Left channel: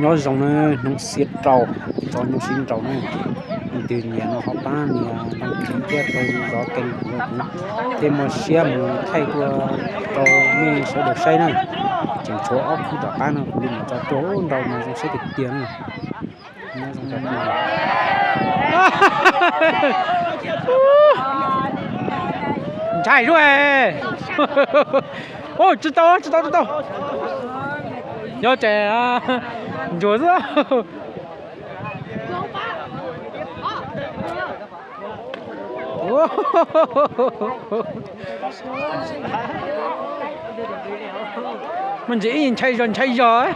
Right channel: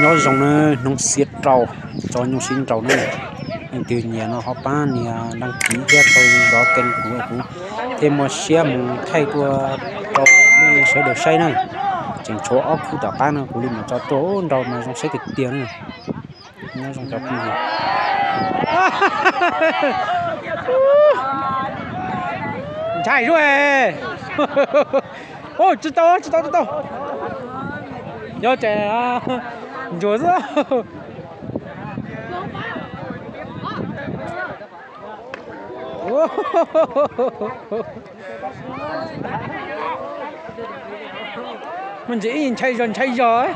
nhớ dòng này nông xiết trâu cho nhung sinh trâu này từ nhà nó họ bán nhà đăng ký cho tôi đó kênh của thêm một xe một thay tua trâu mới sẽ được xây này chỉnh chỗ ốc khu đã bán nó cũng định cho tôi đâu mà trong xây thực tiền này nhớ dòng chọc này chạy rồi ôi chết tao nhớ trẻ à chúa nữa mình chỉ nhìn chạy rồi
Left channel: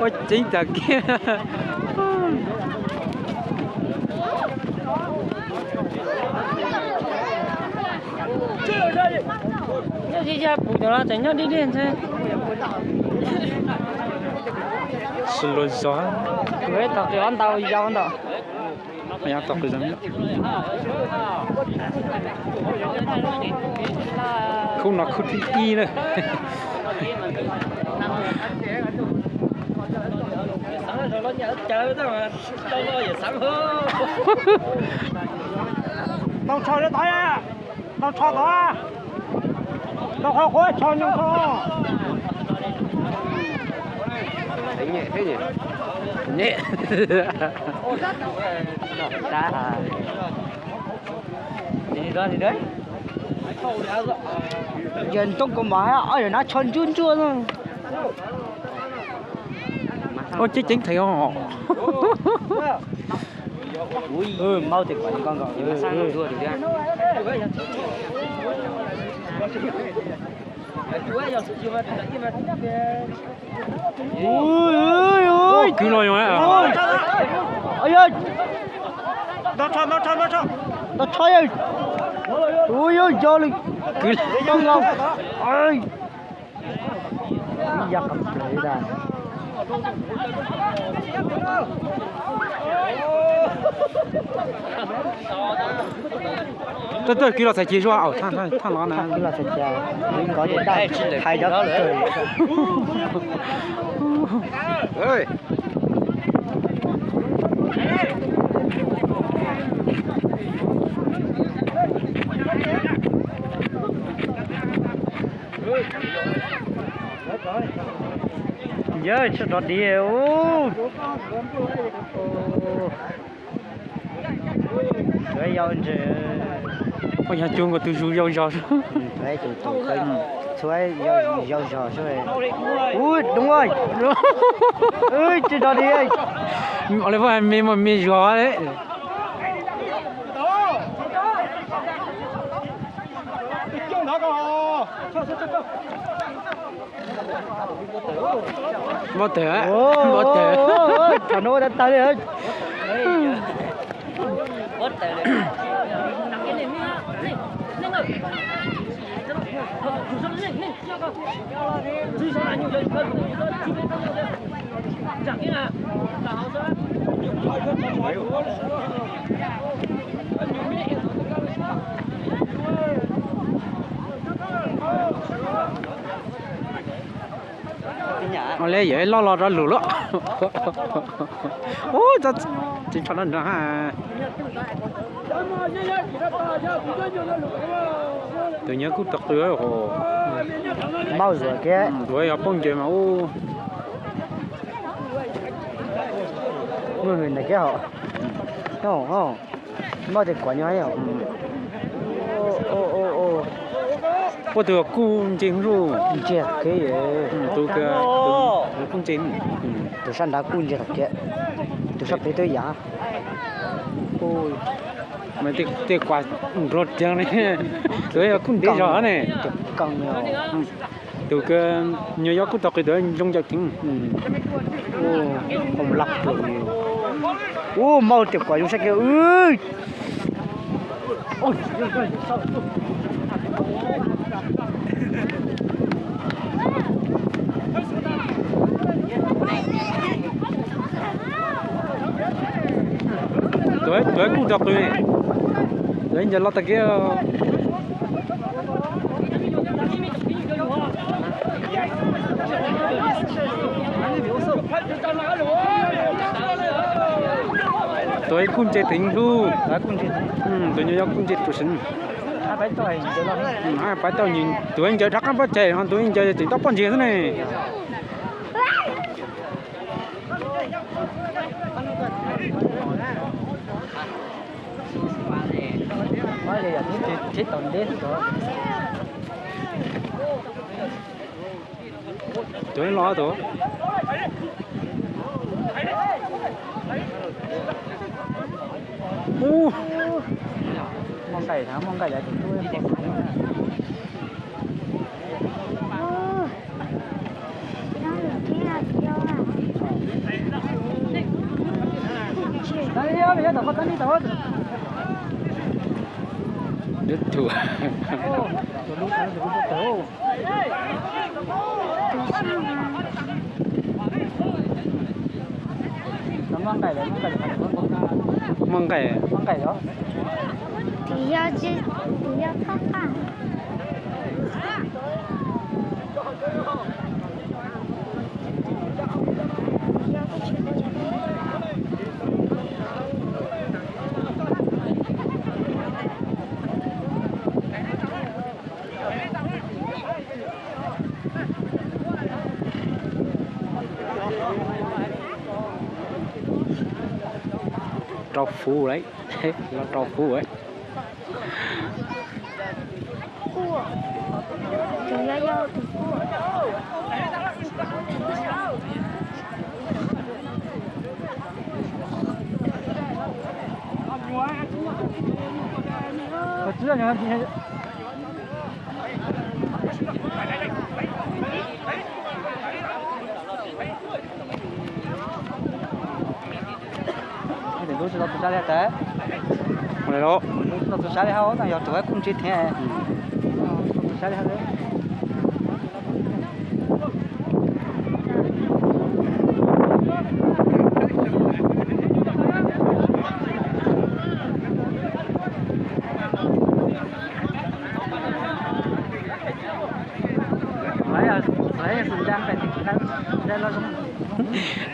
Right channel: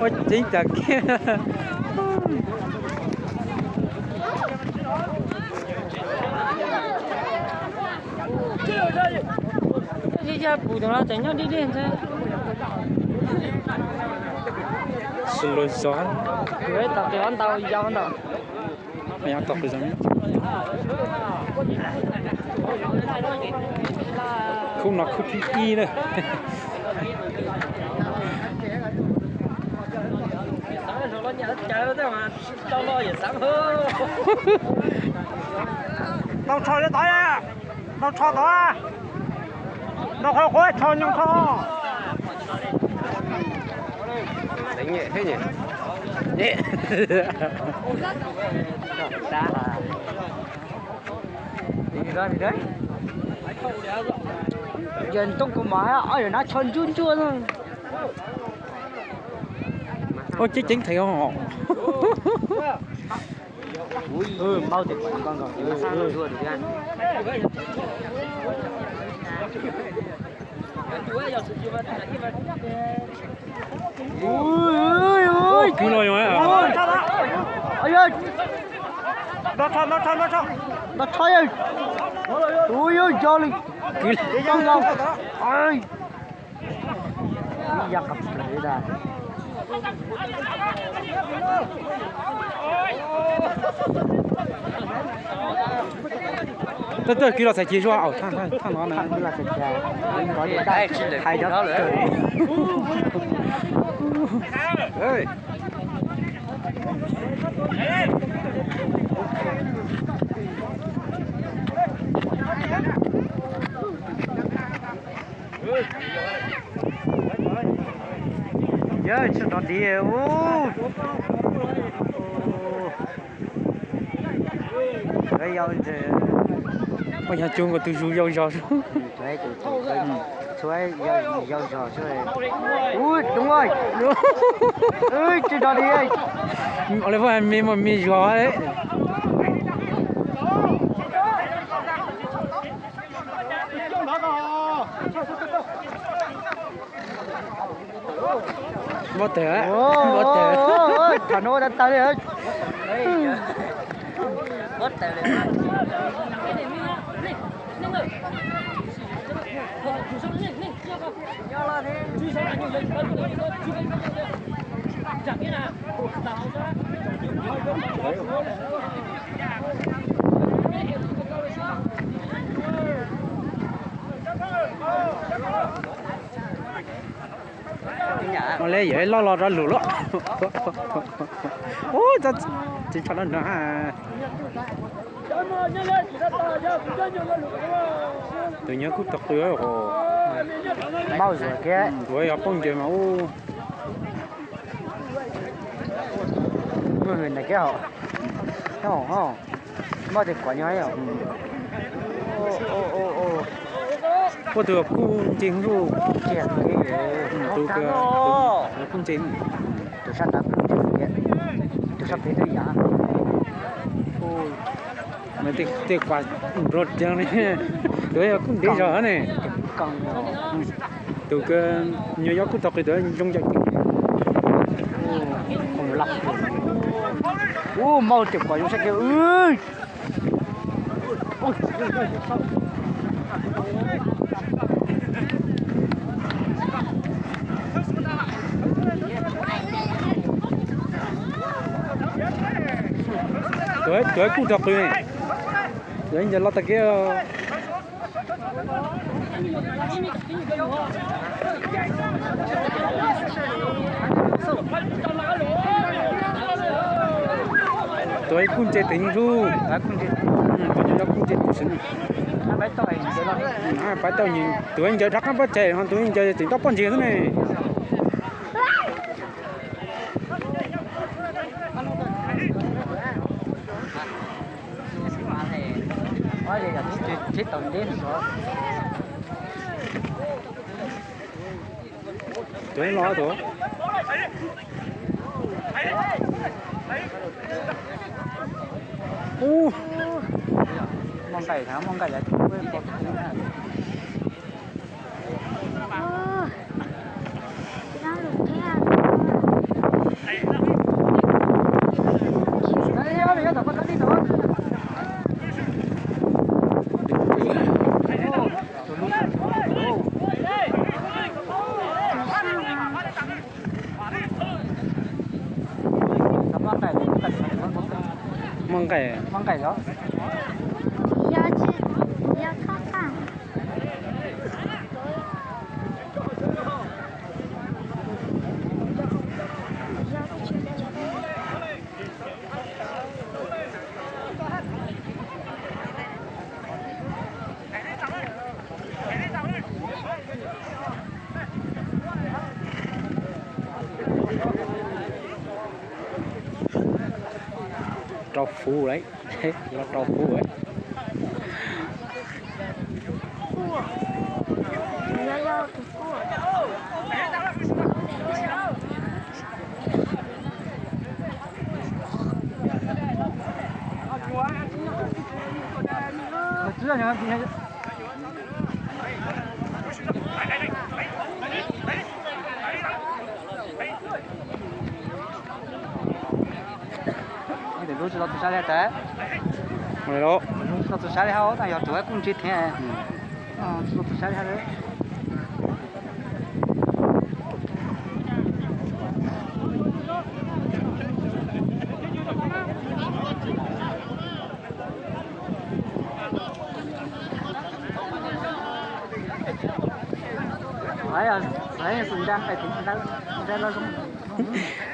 ôi chính là kia solo gió mày ăn tóc cái gì không nó không thích nữa đâu cho đến tới à đâu cho tới à đâu khó khói cho nhau cho nhẹ thế nhỉ nhẹ đi đấy giờ trong cái máy ở nó chân chun chun thôi ôi chứ chính thầy họ mau thì con rồi ôi cứ nói mà ơi ơi nó cho ơi ui ơi cho đi cứ nhau ơi giặt cái ra tôi kia là phải chia cho thằng nó nè là phải chia có thể đại hai đó cười ơi giờ cho nó đi cái dao chứ bây giờ chung của tôi rủ dao đấy chuối dao ui đúng rồi ơi chứ nó đi ơi ở đây phải mình gió đấy mất thế thằng nó đã tới đấy mất tới đấy nó lấy vậy lo ra lũ đó ôi ta chỉ cho nó nữa ha tự nhớ cút tật tưới hồ bao giờ kia rồi học phong chuyện mà ô người này kia họ không bao giờ quả như ấy à có được cung chính rồi chuyện cái gì tôi cung chính từ sáng đã cung chuyện kia từ sắp tới giá mà tiếc quá rốt chẳng này tôi cũng để rõ này từ cái New York cũng tao cái đó trong gia đình không lắc mau tiếp quả vô sách kia ơi ôi tới cũng đọc rồi này đấy giờ lo ta kia tôi cũng chơi tính thu tôi nhớ cũng chơi phụ sinh bắt đầu nhìn tôi anh chơi thắc mắc chơi còn tôi anh chơi tính tóc con gì thế này tôi lo tôi mong cày là mong cày đó thì phát bằng trâu phu đấy là trâu phu ấy cua thì do từ cua chứ là những cái thì lúc đó tôi sẽ thế rồi đó lúc đó tôi sẽ hao tại giờ tôi cũng chết thế tôi sẽ hao đấy đấy là đang phải đây là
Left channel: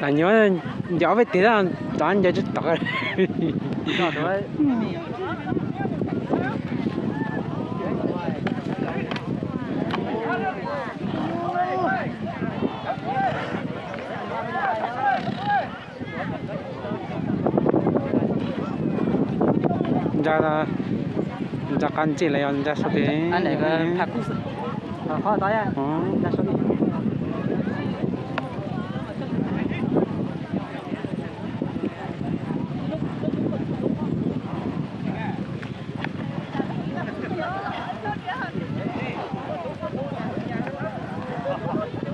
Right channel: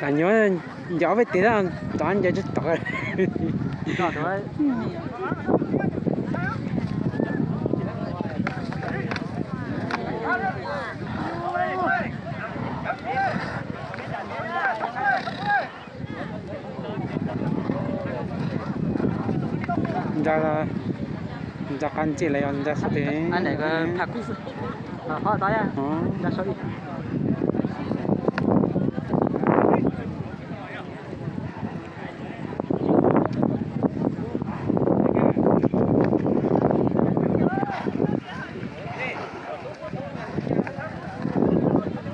ta nhớ gió với tí là toán giờ chút tỏ ra căn chỉ là ra số tiền anh này có thạc cú thôi tới à ra số đi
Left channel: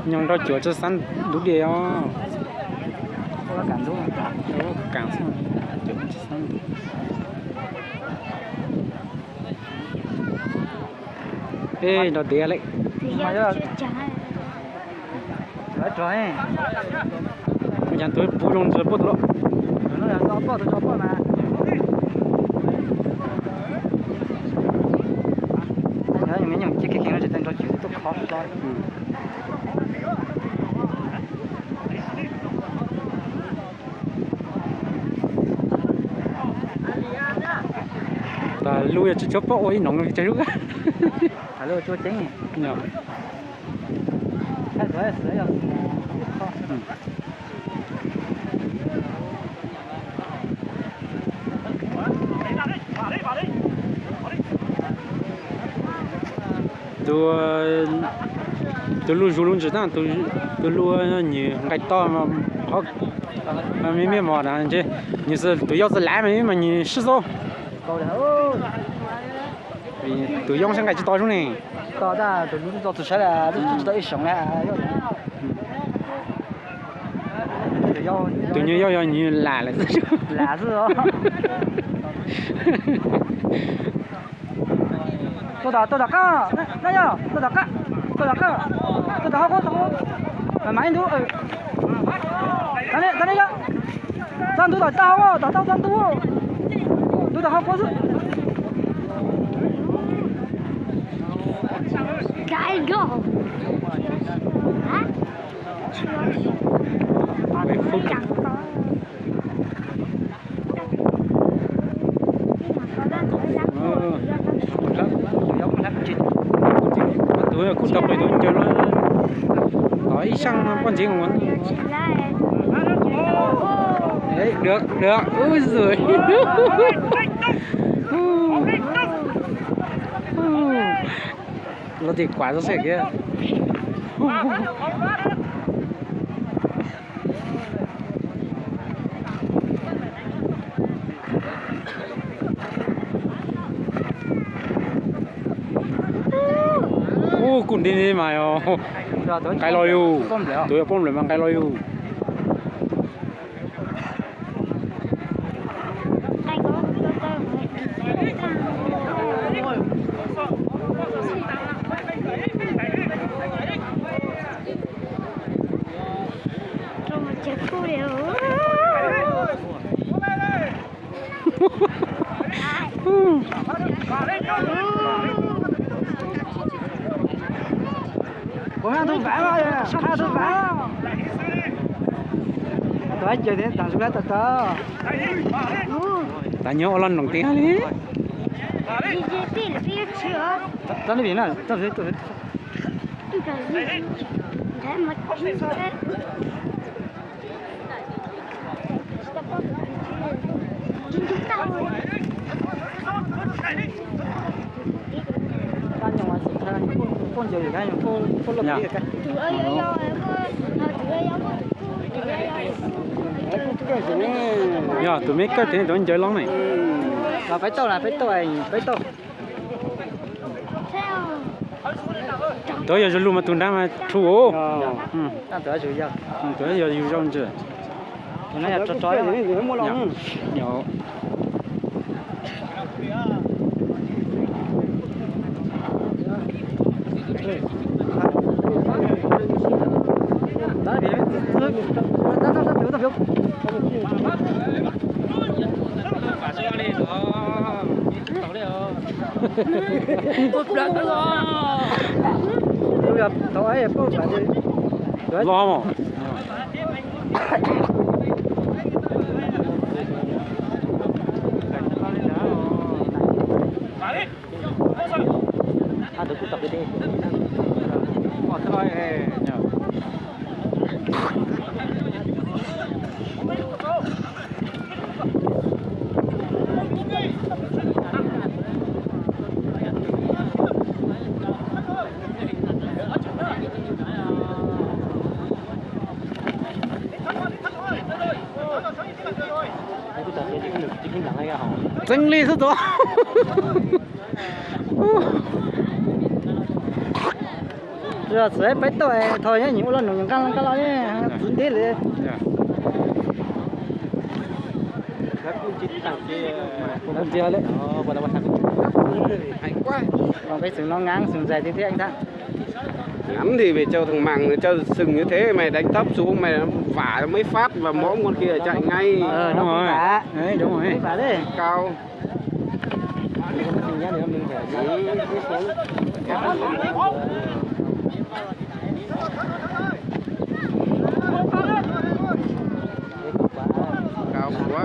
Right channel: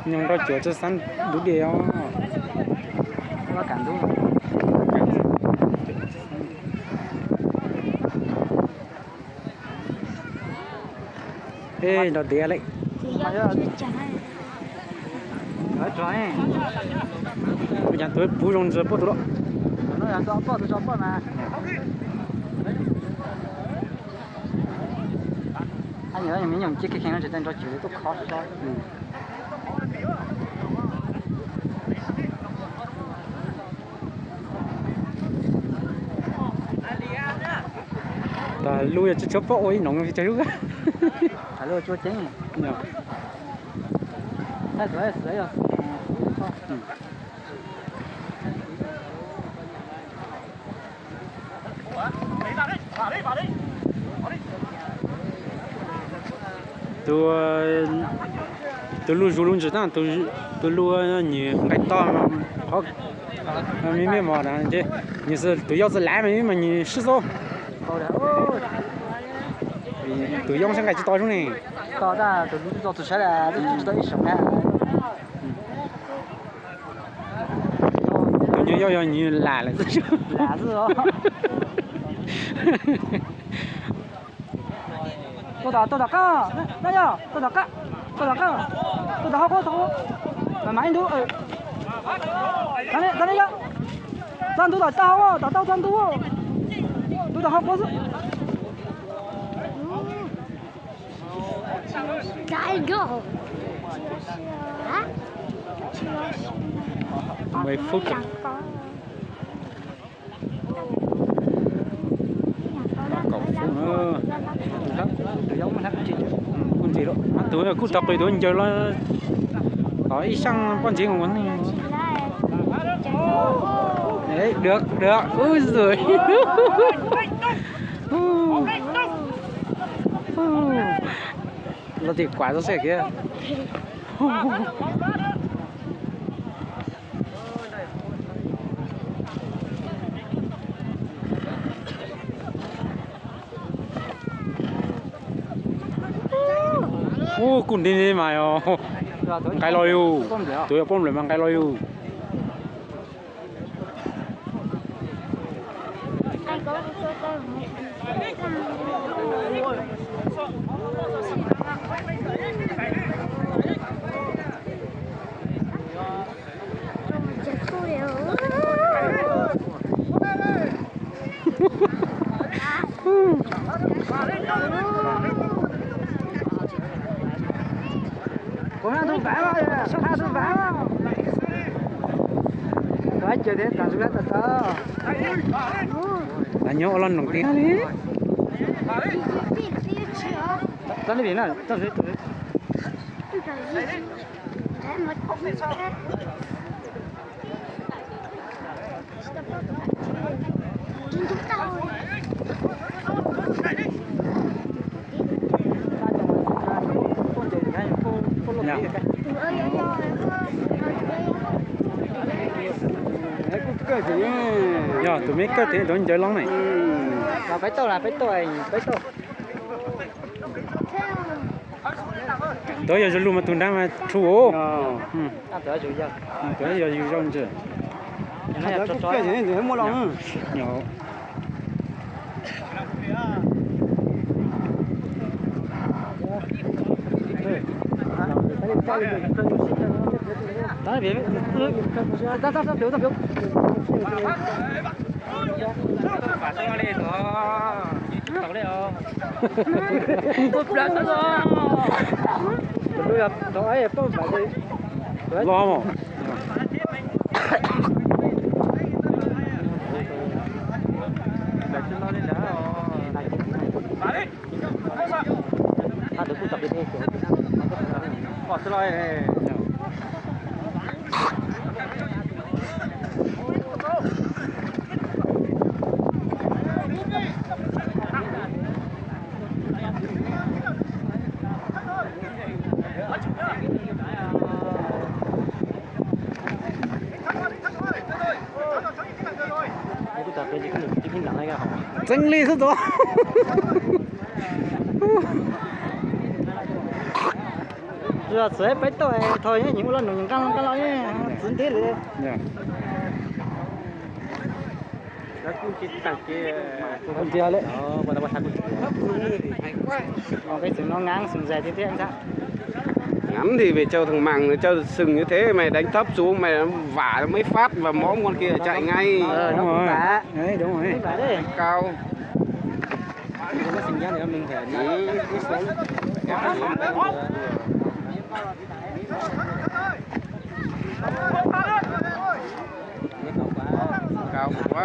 nhưng đó chữa cho sẵn đủ điều có cảm đúng cảm ê nó đĩa lại thì do chưa trái đã trái bây giờ tôi bù rong rồi bù đó nó là có tôi cho con mà anh ấy những chiếc cái nó chỉ tên đó chịu tôi khó sao ta lui cho chớp ôi nóng cái chơi lúc á phải lên tôi tính nhờ hết rồi rồi tôi lui luôn chứ ta tôi lui nhiều ngày to mà họ mình biết mà là chứ như是tôi要是来嘛你是说tôi用sang cái to xuống này to ra tôi lúc đó tôi sẽ là tôi sống này tôi nhớ do như là chứ đó tôi đặt cá đây nhá tôi đặt cá có số là máy nữa cái này nhá san tôi đặt tao chân tôi tôi đã học quá rồi. Đại go. 10 phút rồi. Cậu phụ nữa. Con gì đó. Tôi cứ tập tôi chơi nó hỏi sang con gì của mình. Đấy, được. Ôi giời. Nó thì quả nó sẽ kia. Ô, cùng đi mà yo. Cái lôi u. Tôi bom lại mang cái lôi u. Có hai tôi vẽ rồi, hai tôi vẽ. Đấy, chơi đến tận ra tận. Đã nhớ lần đầu tiên đi. Cho nó biển này, cho nó. Dạ, tụi mấy cái thế đó chơi lắm này. Phải tàu này, phải tàu. Tôi giờ luôn mà tụi đang mà chú. Tới rồi giờ. Tôi giờอยู่trong chưa? Này cho chói gì rồi mua lòng. Nhỏ. Đó biển. Tao phiếu. Lo mà. Chân lý thế đó. Rồi sẽ phải tàu thôi nhá, nhiều lần những cái lo nhé, dính thế rồi. Dạ. Không chia đấy. Còn cái sừng nó ngang, sừng dài thế anh sao? Ngắn thì phải cho thằng mằng cho sừng như thế mày đánh thấp xuống mày vả mấy phát và mõm con kia chạy ngay. Đúng rồi. Đấy, đúng rồi. Phải đấy. Cao. Sừng nhá thì mình phải Cao quá.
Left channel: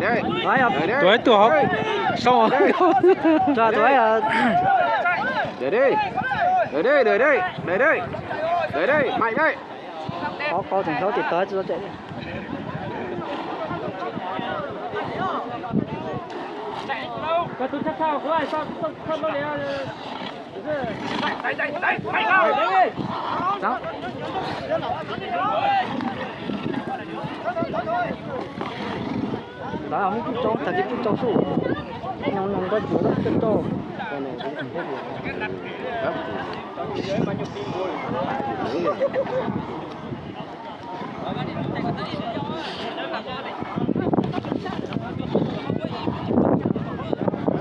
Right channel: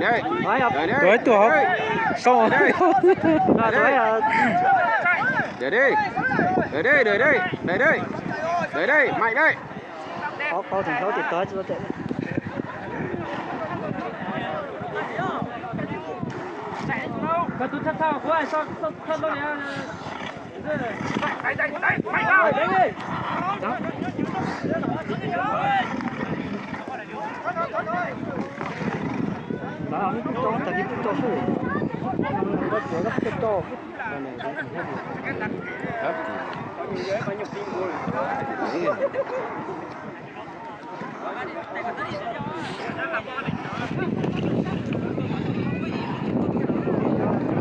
Đấy. Tuổi tuổi học. Sao rồi? Rồi tuổi là Để đi. Để đây, mạnh đây. có thằng số thì tới cho chạy. Và tôi chắc sao có ai sao nó để đây. Đó. Đó, không có trốn, thật chứ trốn phủ. Nó đã cuốn nó trốn.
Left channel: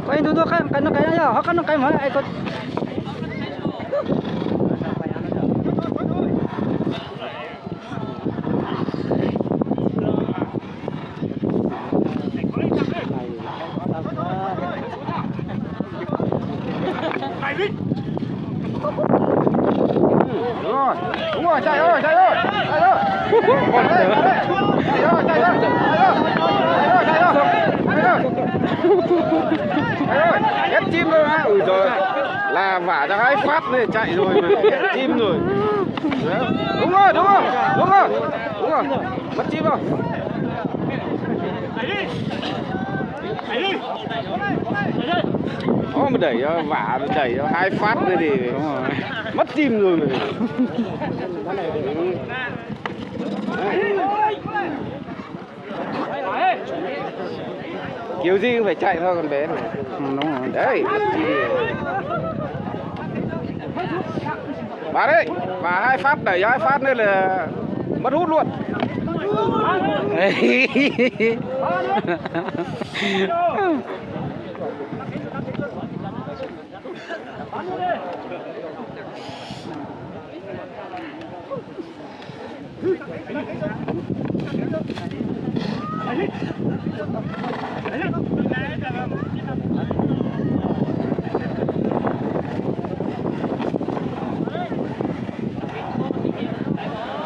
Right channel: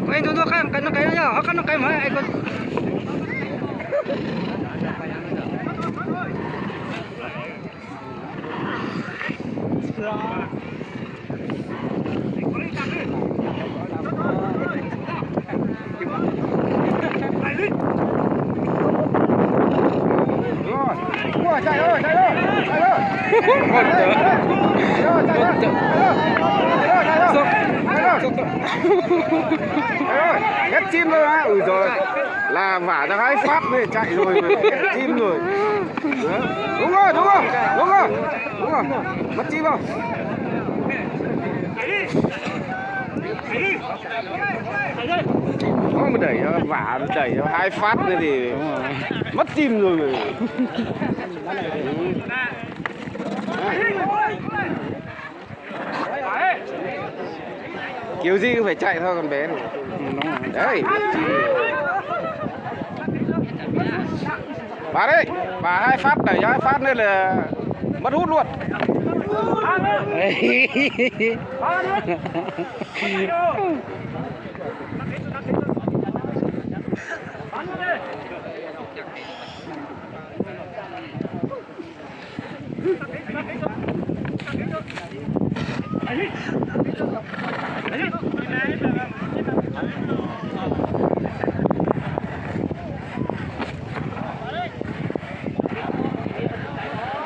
Anh tunggu kan nó cái ya, kan nó cái mà ai có Đúng rồi, chạy thôi, chạy thôi, chạy thôi. Một tớ. Ép chim thôi á. Ui rồi là vả ra 2 phát này chạy rồi, ép chim rồi. Đúng rồi, đúng rồi, đúng rồi, đúng rồi, mất chim không? Có mà đẩy vả đẩy 2 phát này thì Đúng rồi. mất chim rồi mà. Kiểu gì cũng phải chạy thôi con bé này. Đúng rồi. Đấy, mất chim rồi. Bà đấy, bà 2 phát đẩy 2 phát nữa là mất hút luôn.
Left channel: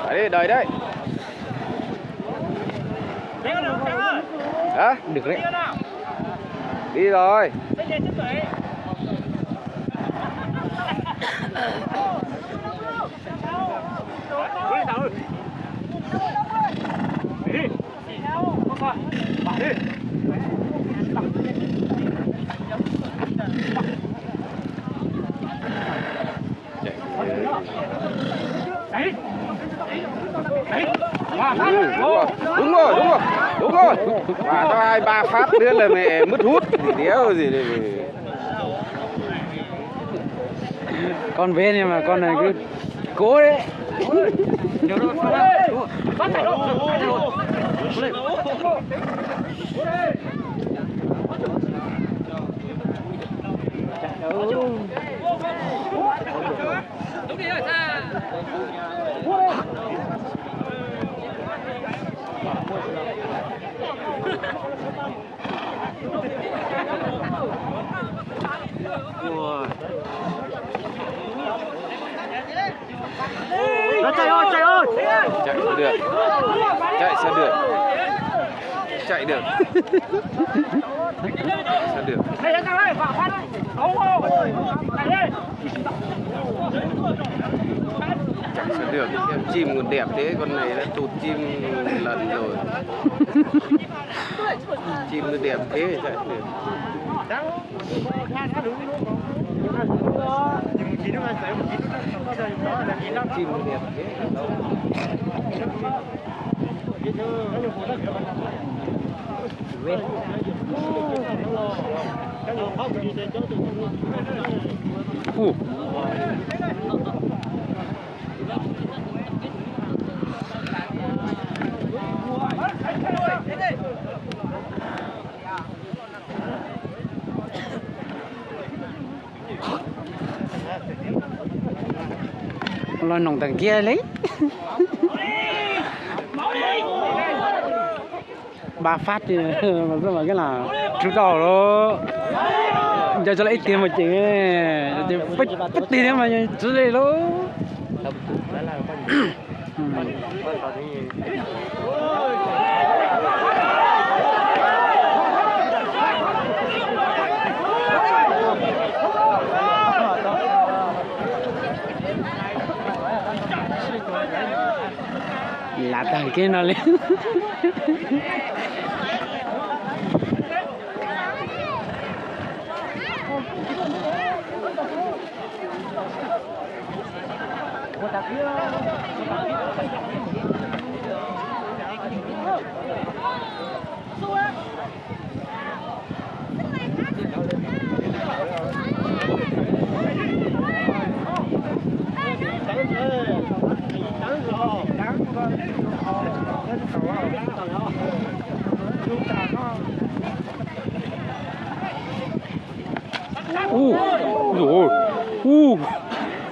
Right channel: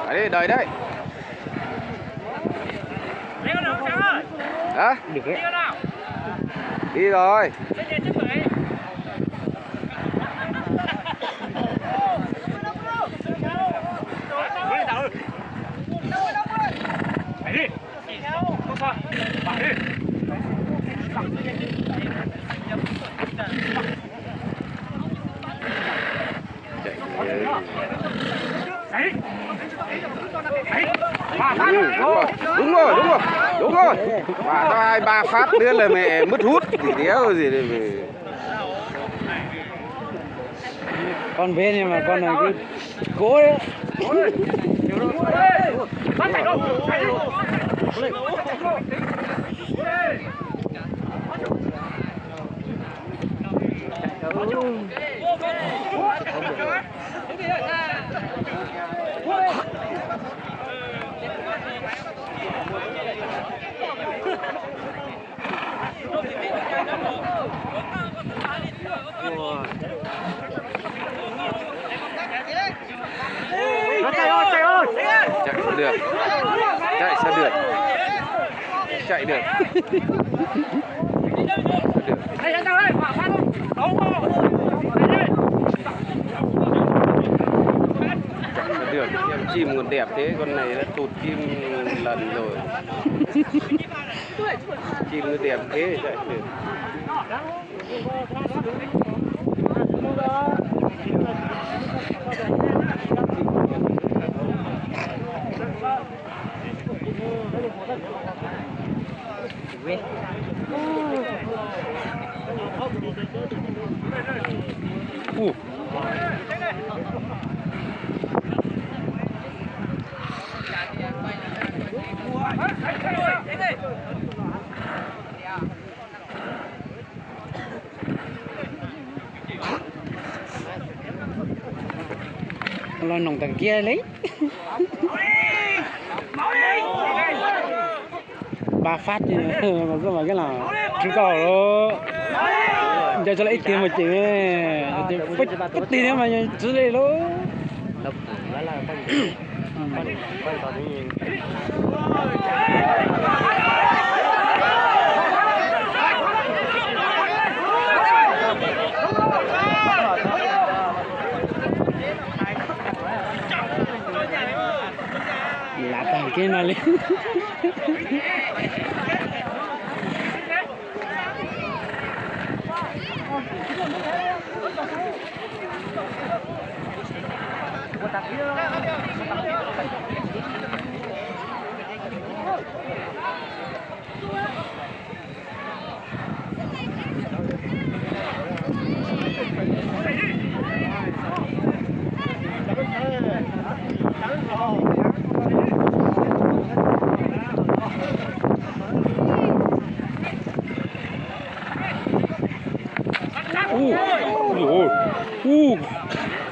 Đấy, đợi đấy. Hả? Được đấy. Đi rồi. Đúng rồi, đúng rồi, đúng rồi. 2-3 phát nữa là mẹ mất hút gì đéo gì đây. Con về nhưng mà con này cứ cố đấy. Chạy được. Sao được? Sao được? Em chim còn đẹp thế, con này đã tụt chim một lần rồi. Chim nó đẹp thế chạy được. Lo nồng tầng kia lấy. 3 phát thì mà sao mà cái là chú tàu nó cho lấy tiền một chữ thì bất tiền mà chú lấy nó là tầng kia nó lên. Rồi,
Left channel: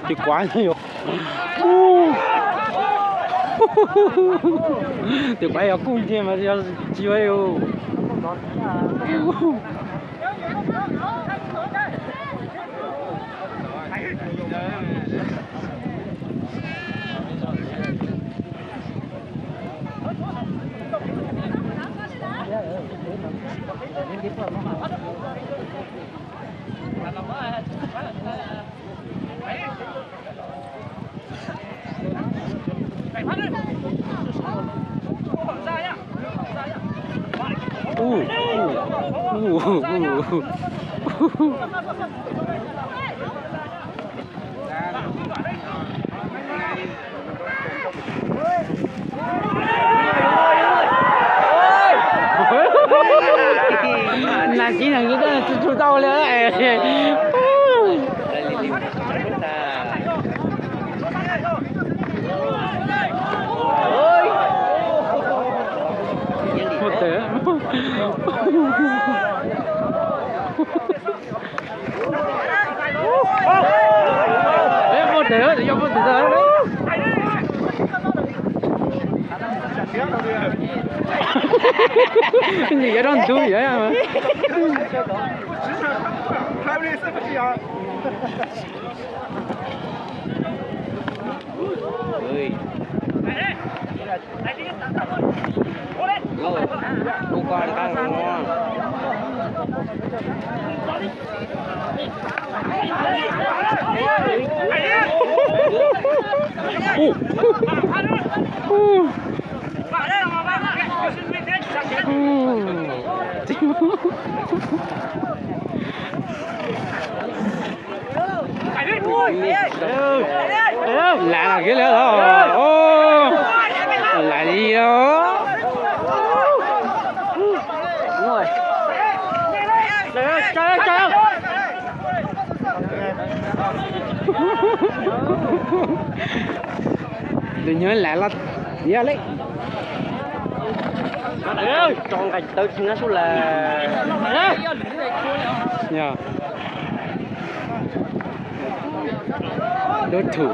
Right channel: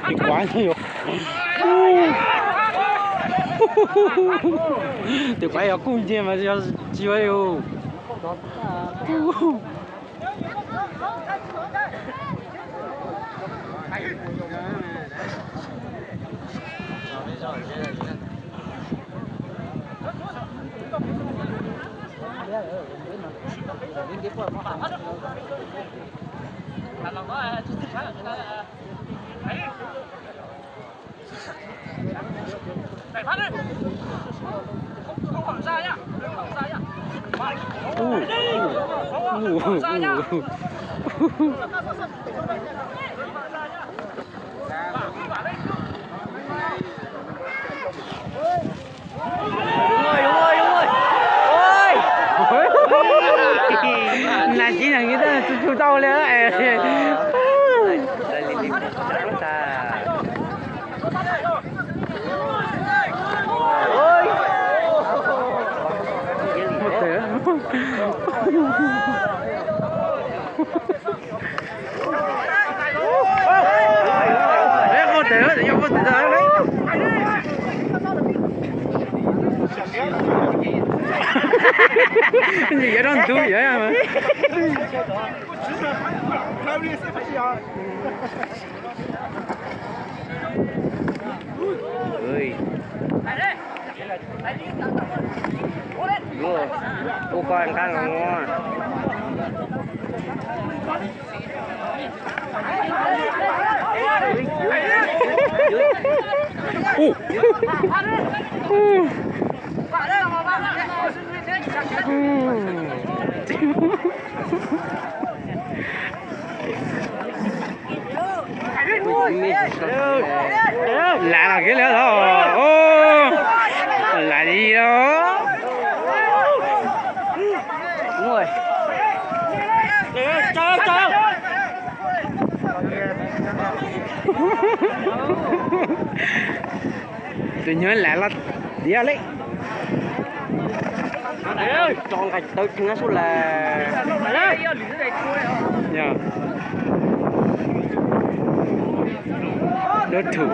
thì quá nhiều. Thì quá nhiều cung gì mà chưa yêu. là chỉ là người ta chú tao lên đấy. Một té. Đấy một té thì cho một té đấy. Cái gì vậy đó anh tôi vậy mà. Rồi, cô con ăn ngon. Lại là cái nữa đó. Ô, lại đi đó. Đúng rồi. Tôi nhớ lại là đi lấy. Trong cái tới nó số là Dạ. Đối thủ.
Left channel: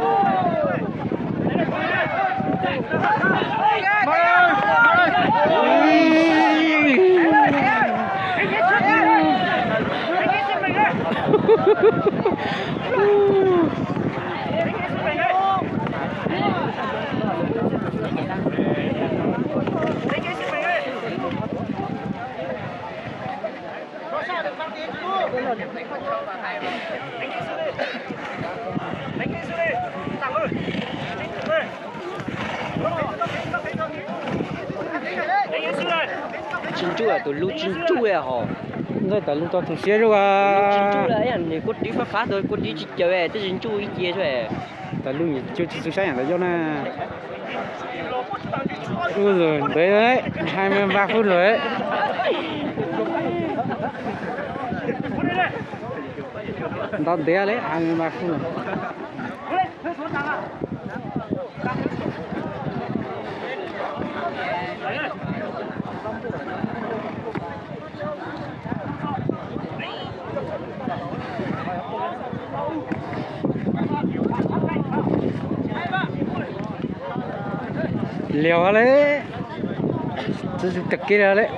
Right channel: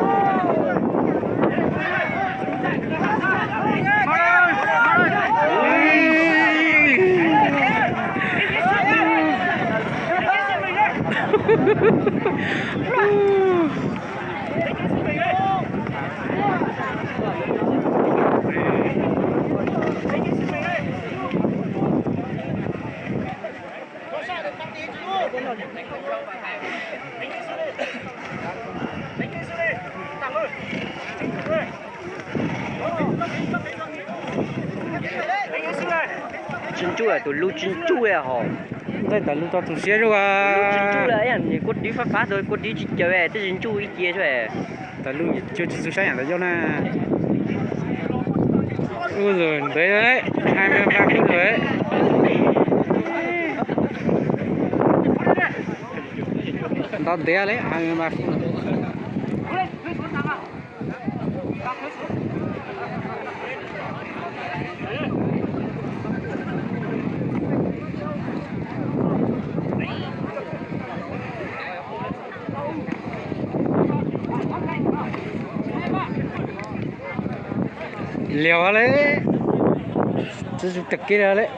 chín chú à, tụi lưu chín chú à hả? Đây tại lúc tao tụi xe rồi Chín chú là à. ấy anh cốt đi phát phát thôi, cốt đi chơi về, tới chín chú đi kia thôi. Tại lúc nhỉ chưa tụi xe là do nè. Ui rồi, đấy 23 phút rồi đấy. Tao đẻ đấy 23 phút rồi. Liều đấy, tôi chụp kia ra đấy.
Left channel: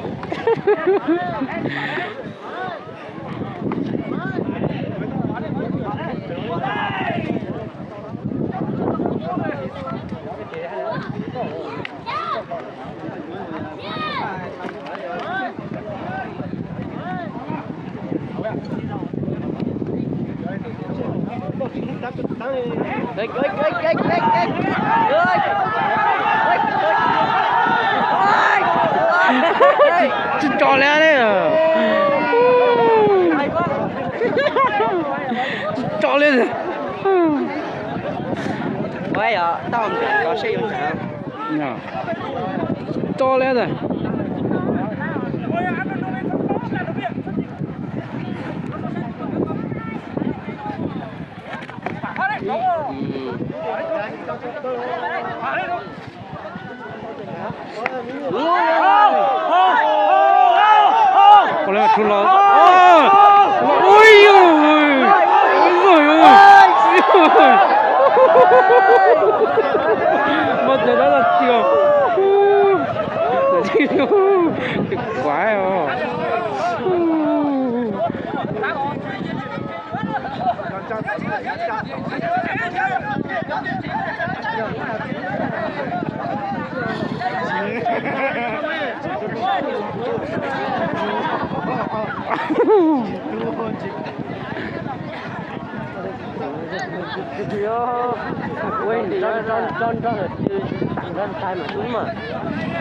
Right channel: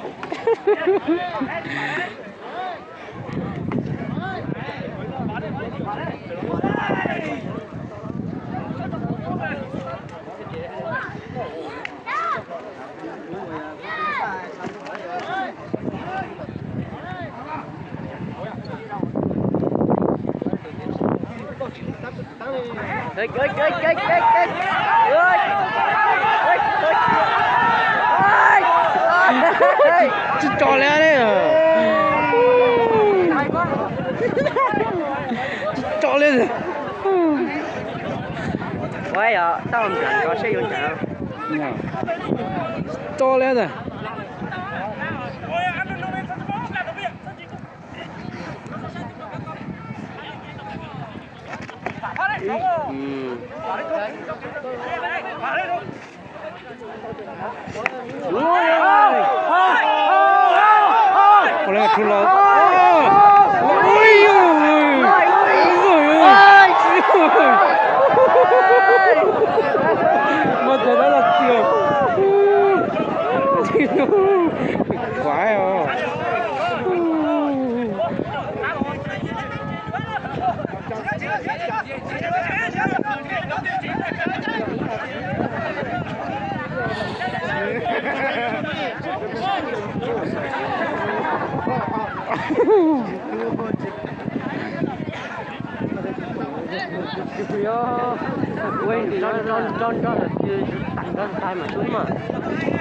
Đấy. Chứ cho lẽ đấy à. Cho lên rồi. Vậy à, tao không có sử dụng sao? Nhờ. Cho lẽ rồi. Có lẽ là thua lo. Ôi ôi. Mất rồi đó là tiêu. Quá rồi.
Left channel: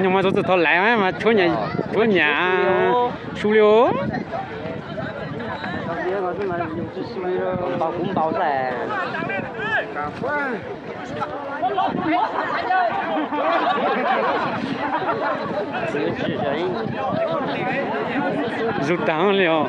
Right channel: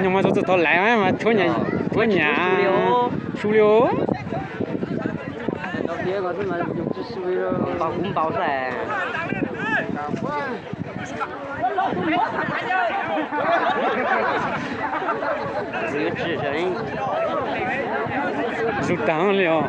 nhưng mà tôi thôi lại mà chỗ nhà su liu cũng bảo là rụt tăng liu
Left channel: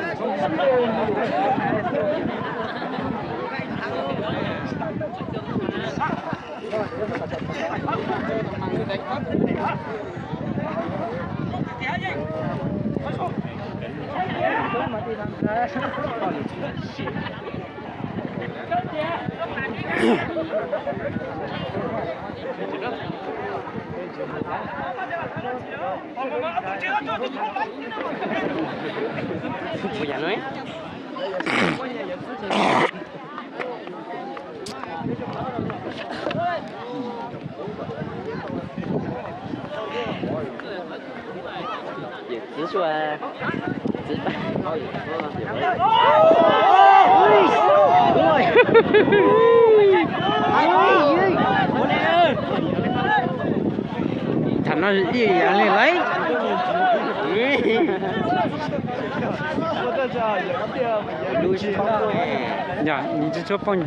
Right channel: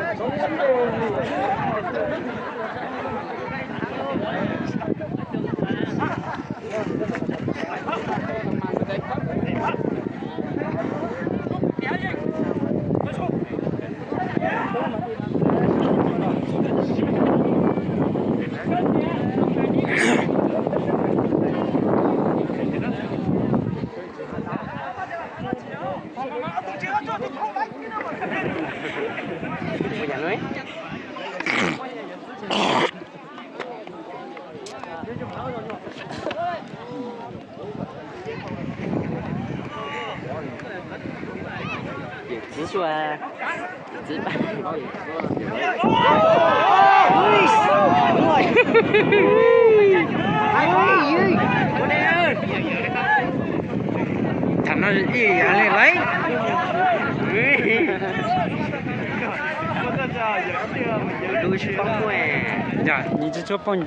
直说啊，thành nó gì vậy lên lấy dạ nhìn cho phong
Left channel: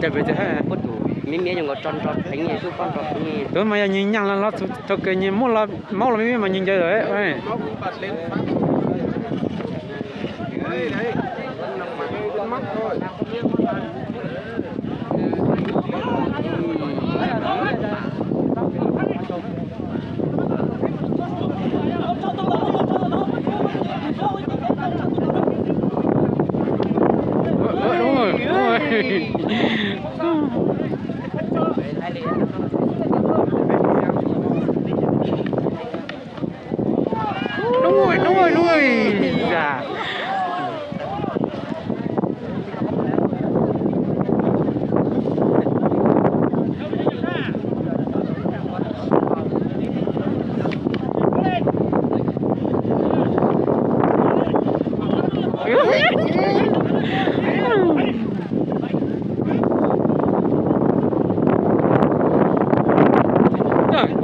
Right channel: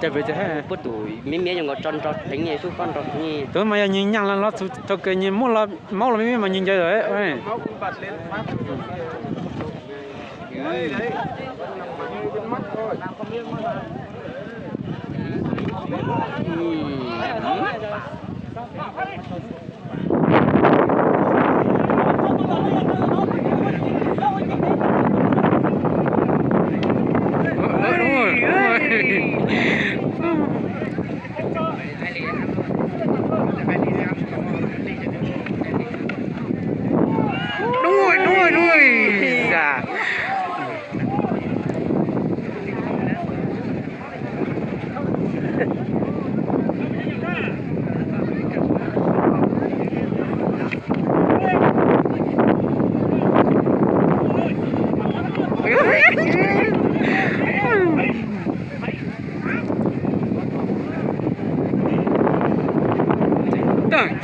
tại vì thế不đủ，明明用个装装，等你就放着，你 tôi mà nhìn nhang là nó tôi cái nhìn mua là máu là mấy mà nhìn chơi rồi ấy Đấy, đấy, nằm mặn trên mắt thôi. Đúng rồi, đúng rồi. Đúng rồi. Dạ.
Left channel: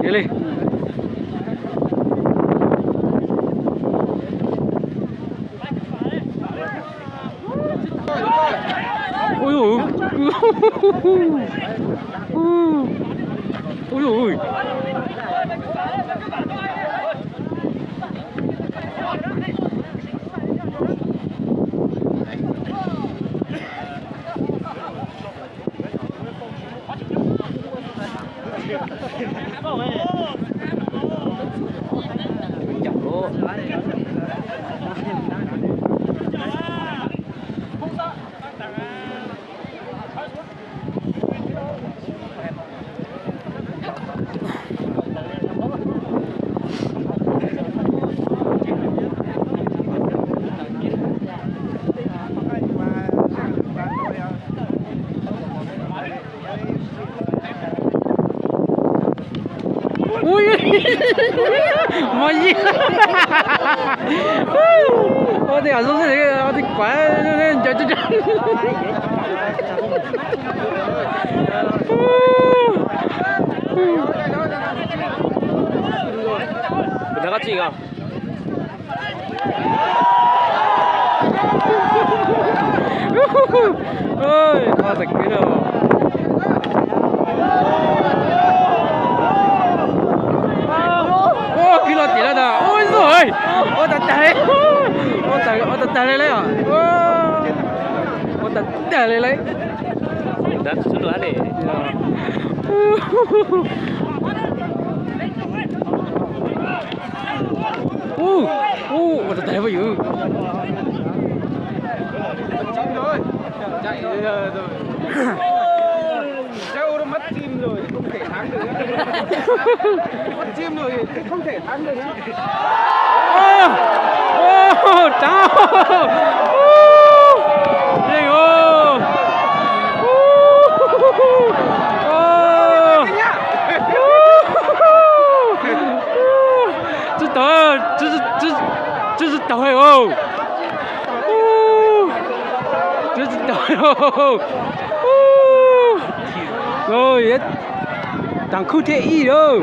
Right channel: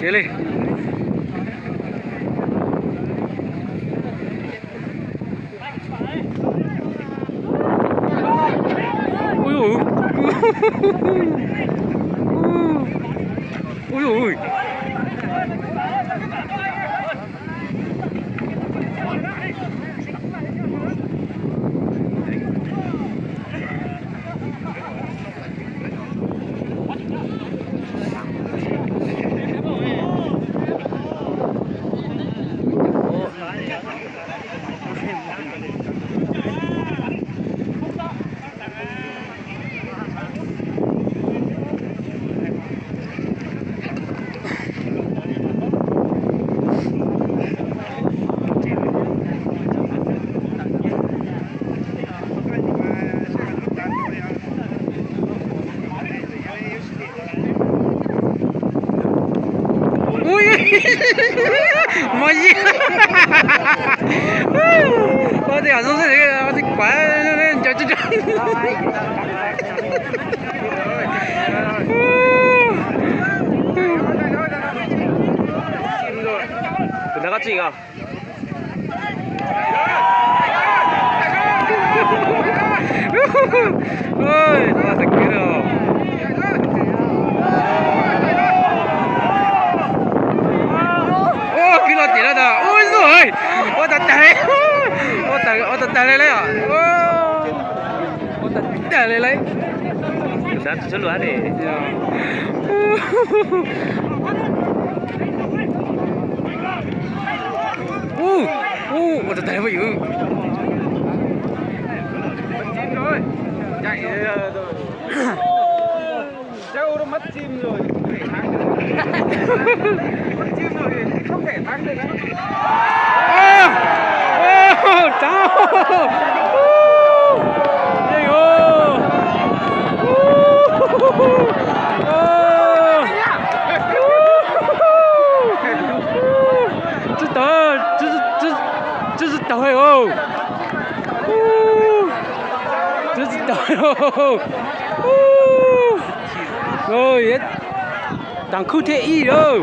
Chị Ly. Ôi ôi. Ôi ôi. Ui mà gì có thể ở dưới này có thể quá nên cho nó có gì không? ôi nó thật kia rồi ô kia là tiền đó ôi rồi ô thật tệ ô thật tệ lấy à ô thật tệ lấy Đó, số lúa này. ô thật tệ vậy Chim thôi, chạy rồi. Đâu nó mất chim rồi, không thể thắng được. Mất chim rồi thì không thể thắng được nữa. Chào. Gì ô. 这是倒海哦，这是倒海哦，哦也，当哭天意哦。